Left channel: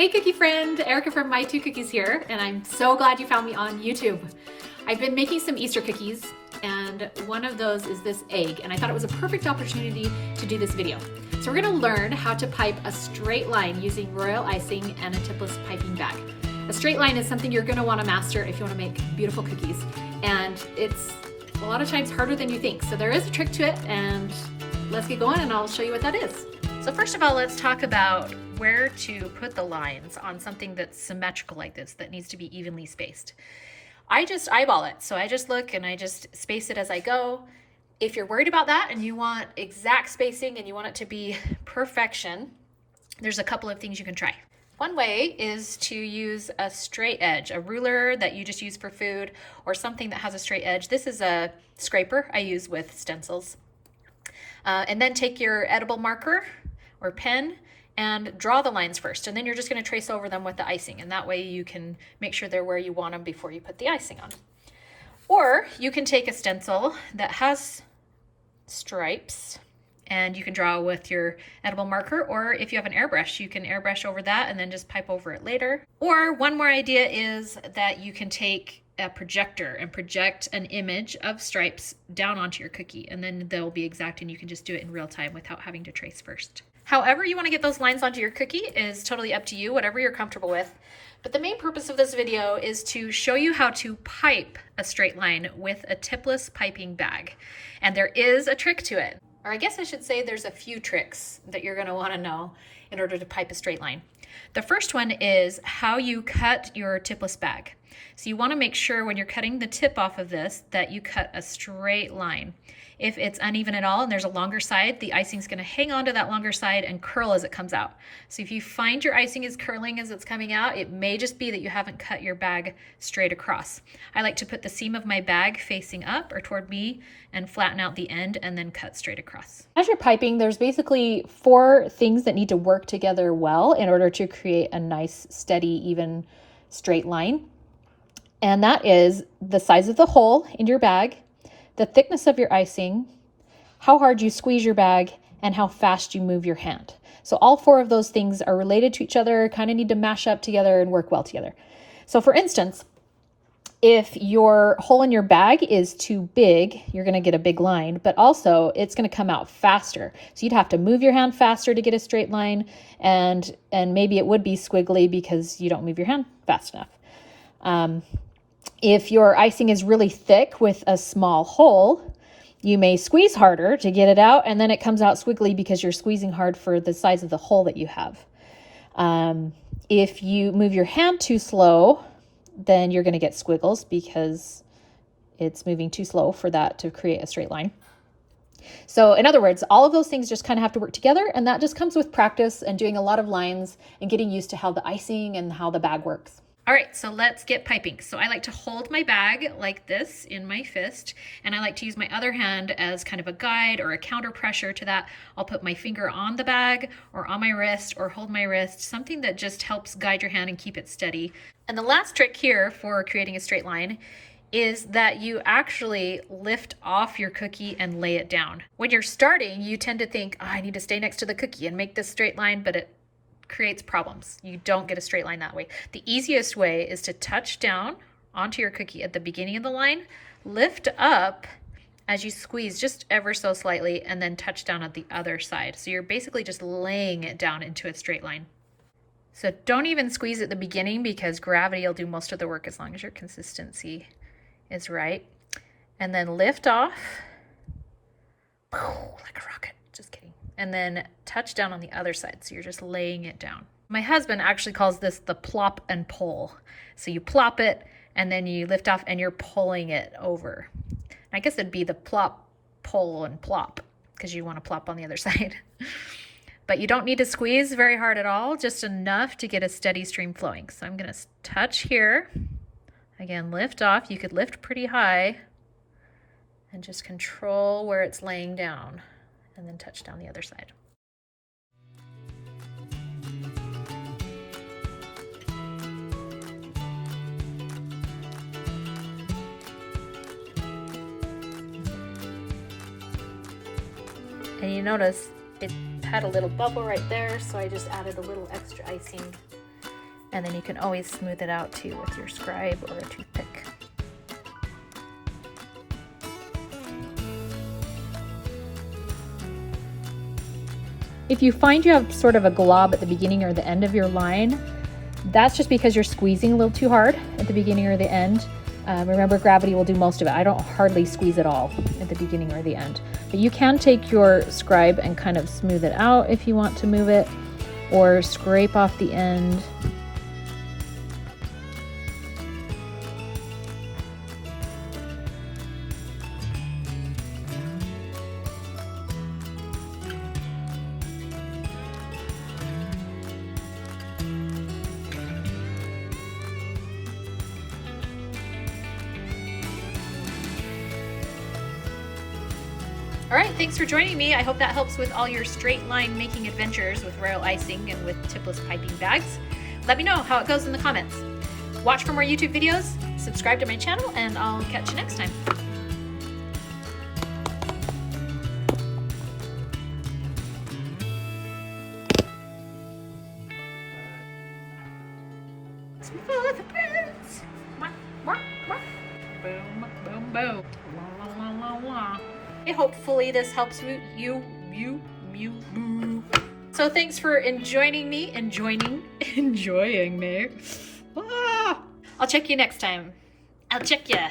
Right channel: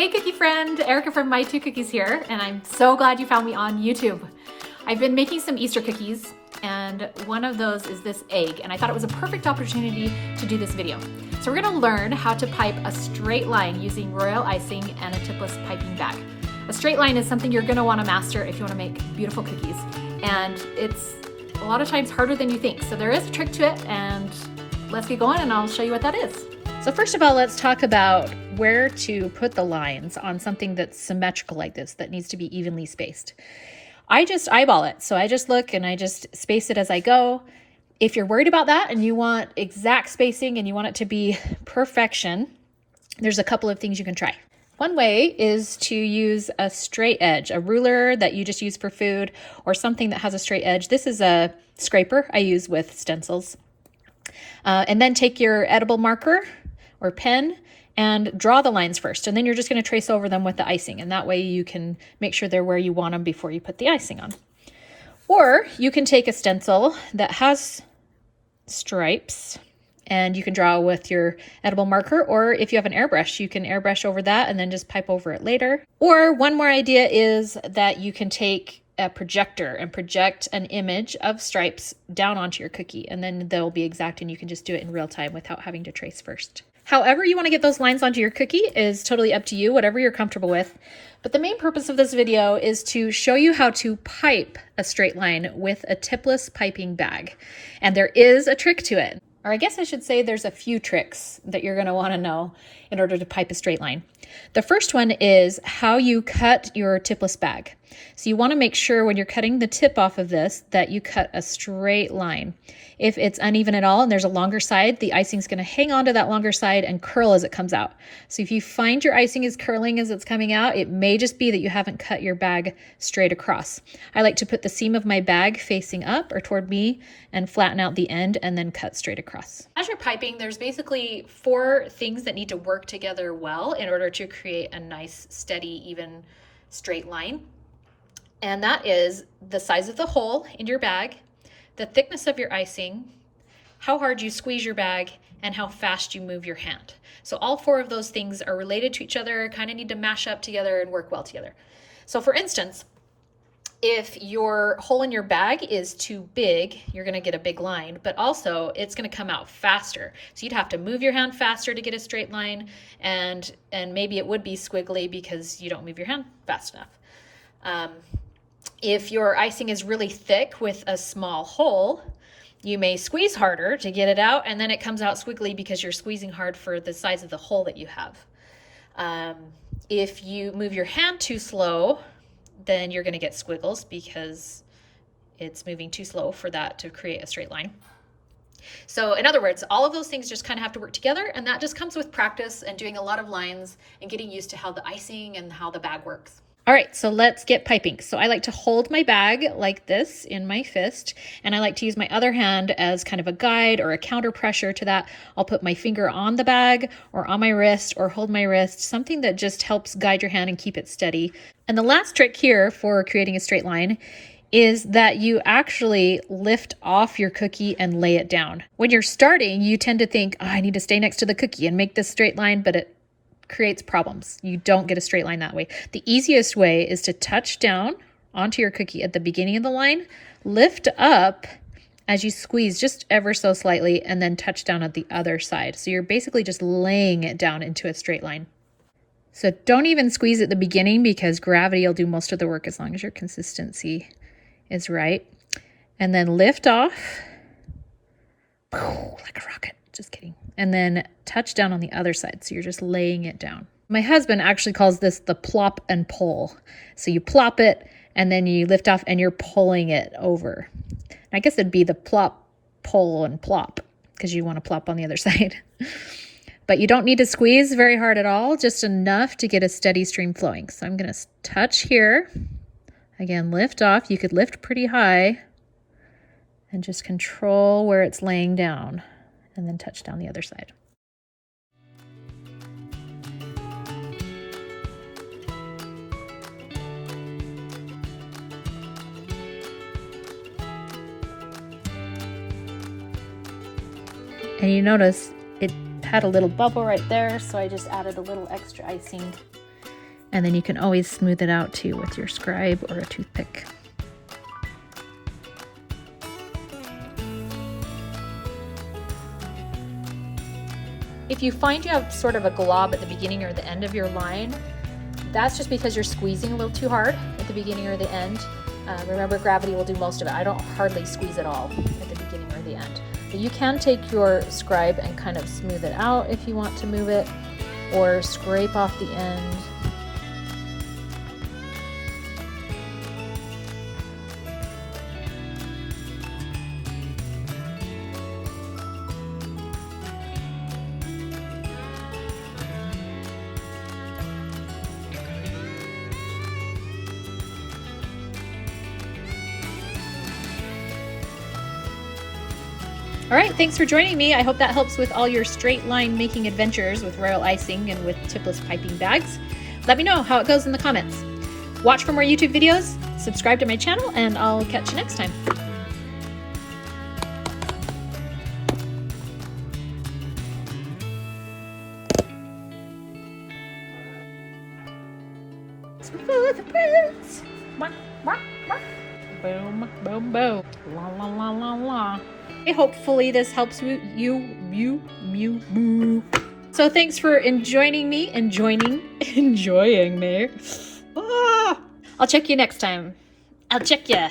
Hey cookie friend, Erica from My Two Cookies here, and I'm so glad you found me on YouTube. I've been making some Easter cookies, and one of those is this egg, and I thought it was a perfect opportunity to do this video. So we're gonna learn how to pipe a straight line using royal icing and a tipless piping bag. A straight line is something you're gonna wanna master if you wanna make beautiful cookies, and it's a lot of times harder than you think. So there is a trick to it, and let's get going and I'll show you what that is. So first of all, let's talk about where to put the lines on something that's symmetrical like this, that needs to be evenly spaced. I just eyeball it. So I just look and I just space it as I go. If you're worried about that and you want exact spacing and you want it to be perfection, there's a couple of things you can try. One way is to use a straight edge, a ruler that you just use for food, or something that has a straight edge. This is a scraper I use with stencils. And then take your edible marker or pen and draw the lines first, and then you're just going to trace over them with the icing, and that way you can make sure they're where you want them before you put the icing on. Or you can take a stencil that has stripes and you can draw with your edible marker, or if you have an airbrush, you can airbrush over that and then just pipe over it later. Or one more idea is that you can take a projector and project an image of stripes down onto your cookie, and then they'll be exact and you can just do it in real time without having to trace first. However you want to get those lines onto your cookie is totally up to you, whatever you're comfortable with. But the main purpose of this video is to show you how to pipe a straight line with a tipless piping bag. And there is a trick to it. Or I guess I should say there's a few tricks that you're going to want to know in order to pipe a straight line. The first one is how you cut your tipless bag. So you want to make sure when you're cutting the tip off of this that you cut a straight line. If it's uneven at all and there's a longer side, the icing is going to hang on to that longer side and curl as it comes out. So if you find your icing is curling as it's coming out, it may just be that you haven't cut your bag straight across. I like to put the seam of my bag facing up or toward me and flatten out the end and then cut straight across. As you're piping, there's basically 4 things that need to work together well in order to create a nice, steady, even, straight line. And that is the size of the hole in your bag, the thickness of your icing, how hard you squeeze your bag, and how fast you move your hand. So all 4 of those things are related to each other, kind of need to mash up together and work well together. So for instance, if your hole in your bag is too big, you're going to get a big line, but also it's going to come out faster. So you'd have to move your hand faster to get a straight line, and maybe it would be squiggly because you don't move your hand fast enough. If your icing is really thick with a small hole, you may squeeze harder to get it out, and then it comes out squiggly because you're squeezing hard for the size of the hole that you have. If you move your hand too slow, then you're going to get squiggles because it's moving too slow for that to create a straight line. So in other words, all of those things just kind of have to work together, and that just comes with practice and doing a lot of lines and getting used to how the icing and how the bag works. All right, so let's get piping. So I like to hold my bag like this in my fist, and I like to use my other hand as kind of a guide or a counter pressure to that. I'll put my finger on the bag or on my wrist or hold my wrist, something that just helps guide your hand and keep it steady. And the last trick here for creating a straight line is that you actually lift off your cookie and lay it down. When you're starting, you tend to think, oh, I need to stay next to the cookie and make this straight line, but it creates problems. You don't get a straight line that way. The easiest way is to touch down onto your cookie at the beginning of the line, lift up as you squeeze just ever so slightly, and then touch down at the other side. So you're basically just laying it down into a straight line. So don't even squeeze at the beginning because gravity will do most of the work as long as your consistency is right. And then lift off like a rocket. Just kidding. And then touch down on the other side. So you're just laying it down. My husband actually calls this the plop and pull. So you plop it and then you lift off and you're pulling it over. I guess it'd be the plop, pull, and plop because you want to plop on the other side. But you don't need to squeeze very hard at all, just enough to get a steady stream flowing. So I'm going to touch here. Again, lift off. You could lift pretty high and just control where it's laying down, and then touch down the other side. And you notice it had a little bubble right there, so I just added a little extra icing And then you can always smooth it out too with your scribe or a toothpick. If you find you have sort of a glob at the beginning or the end of your line, that's just because you're squeezing a little too hard at the beginning or the end. Remember, gravity will do most of it. I don't hardly squeeze at all at the beginning or the end. But you can take your scribe and kind of smooth it out if you want to move it, or scrape off the end. All right, thanks for joining me. I hope that helps with all your straight line making adventures with royal icing and with tipless piping bags. Let me know how it goes in the comments. Watch for more YouTube videos, subscribe to my channel, and I'll catch you next time. For the prince. Boom, boom, boom. La la la la la. Hopefully this helps you. So thanks for enjoying me. Ah! I'll check you next time. I'll check ya.